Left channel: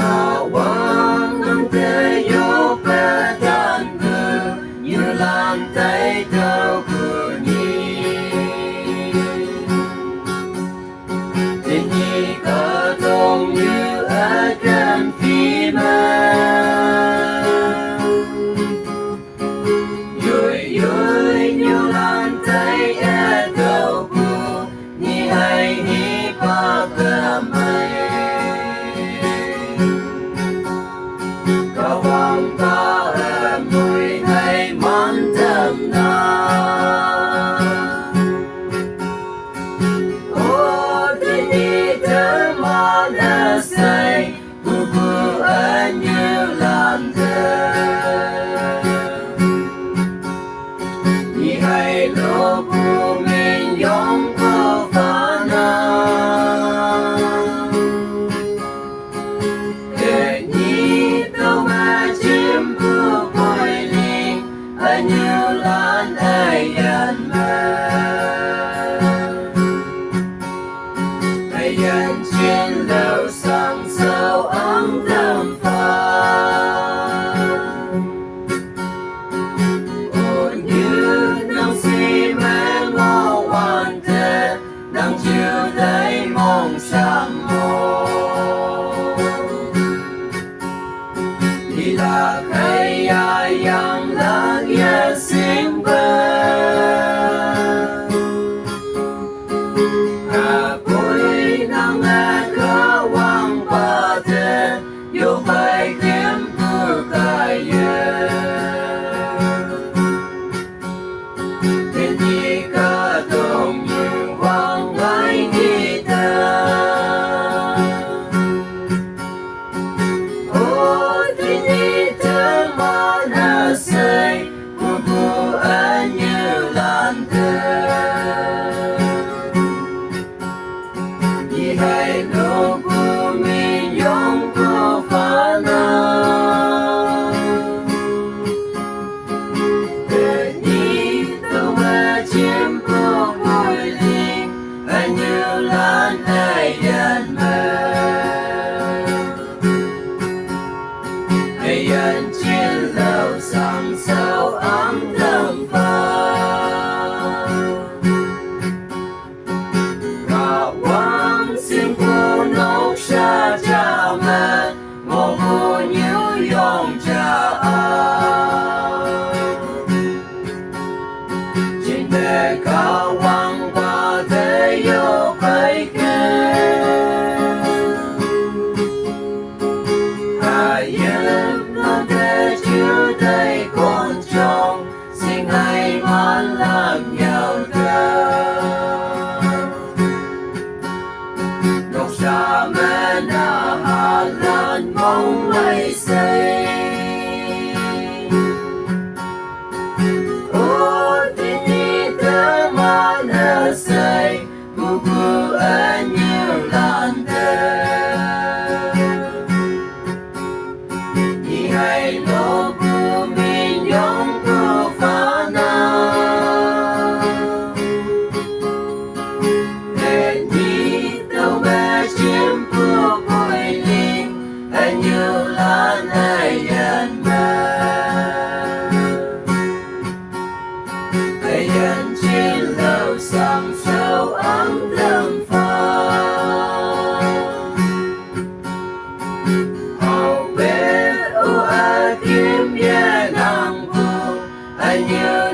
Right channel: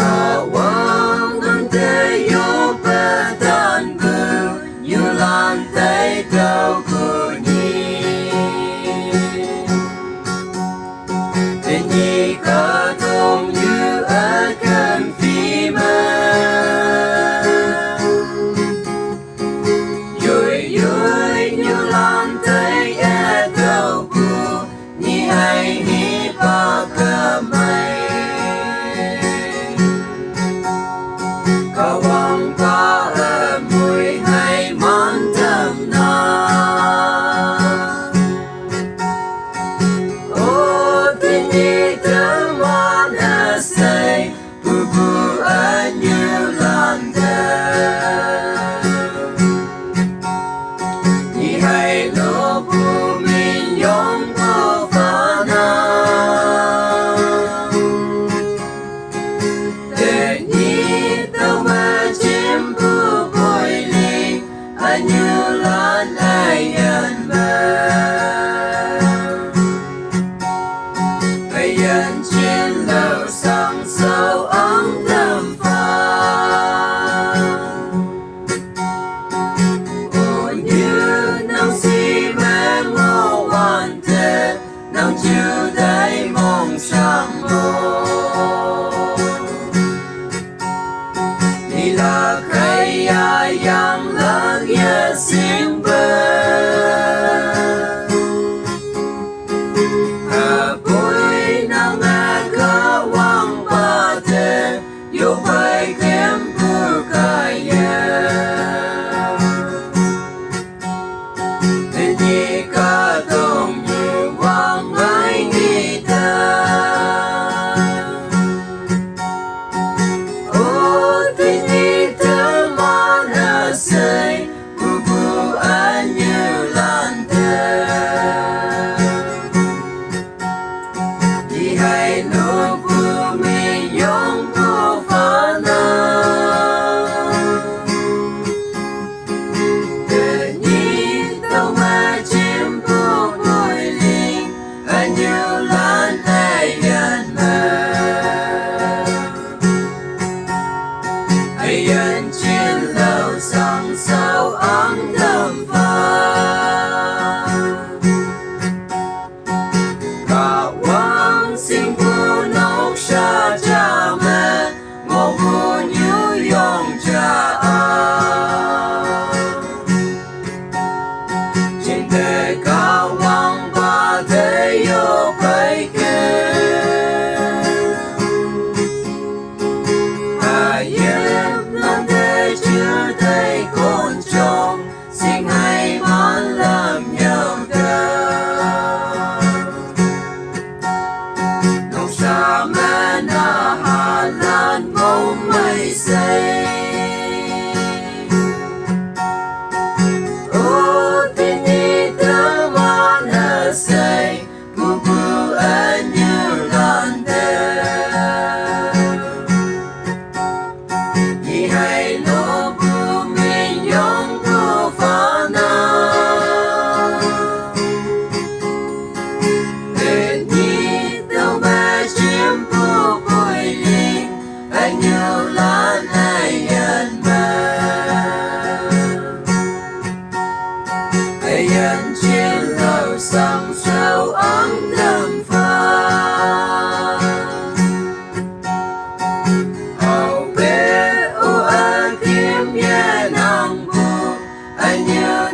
Kawan nanti yo petanku như lantai trao bunyi Nyanyi katong như akan firman Yui như lantai trauku Nhi hai ni pakamai Kawan ta mùi hay mantap na Oh tini teman asai Bubu anyu lantai Nhi hai lo bu min yong bu fana Nhi tao mà chim bu bồi linh Anyu lan ai yan ma Ai yan trên đầu sang sau ấm thơm pha Ô như nắng si mê ngô hoàn thế Nắng chiều đầy mong sang ngô Ni là kaya yang lang ya simba Apoy ng nakawang pate Yung ay kempo kaya Hindi ka tong yung wang ay ngita Oh, tini teman asai Bubu anyu lantai Di hai no bu mi yong bu fana Nhi tao mà chim bu bồi linh Anyu lan ai yan ma Ai yan trên lầu sang sao ấm thơm pha Kawan sinh phu nấu sa cha mẹ Ngô phu như yong cha a Trên đời kawan ba thế yo kai kê Yên lần thế chưa thấy con chồng Xin hãy món làm nhau Nông sa mê na hà lan mong mây xây Ô tini teman asai Bubu anyu lantai Nhi hai lo bu min yong bu fana Nhi tao mà chim bu bồi linh Anyu lan ai yan ma Ai yan trên lầu sang sao ấm thơm pha Hầu bé ô a kiếm nhà nằm bu Anyu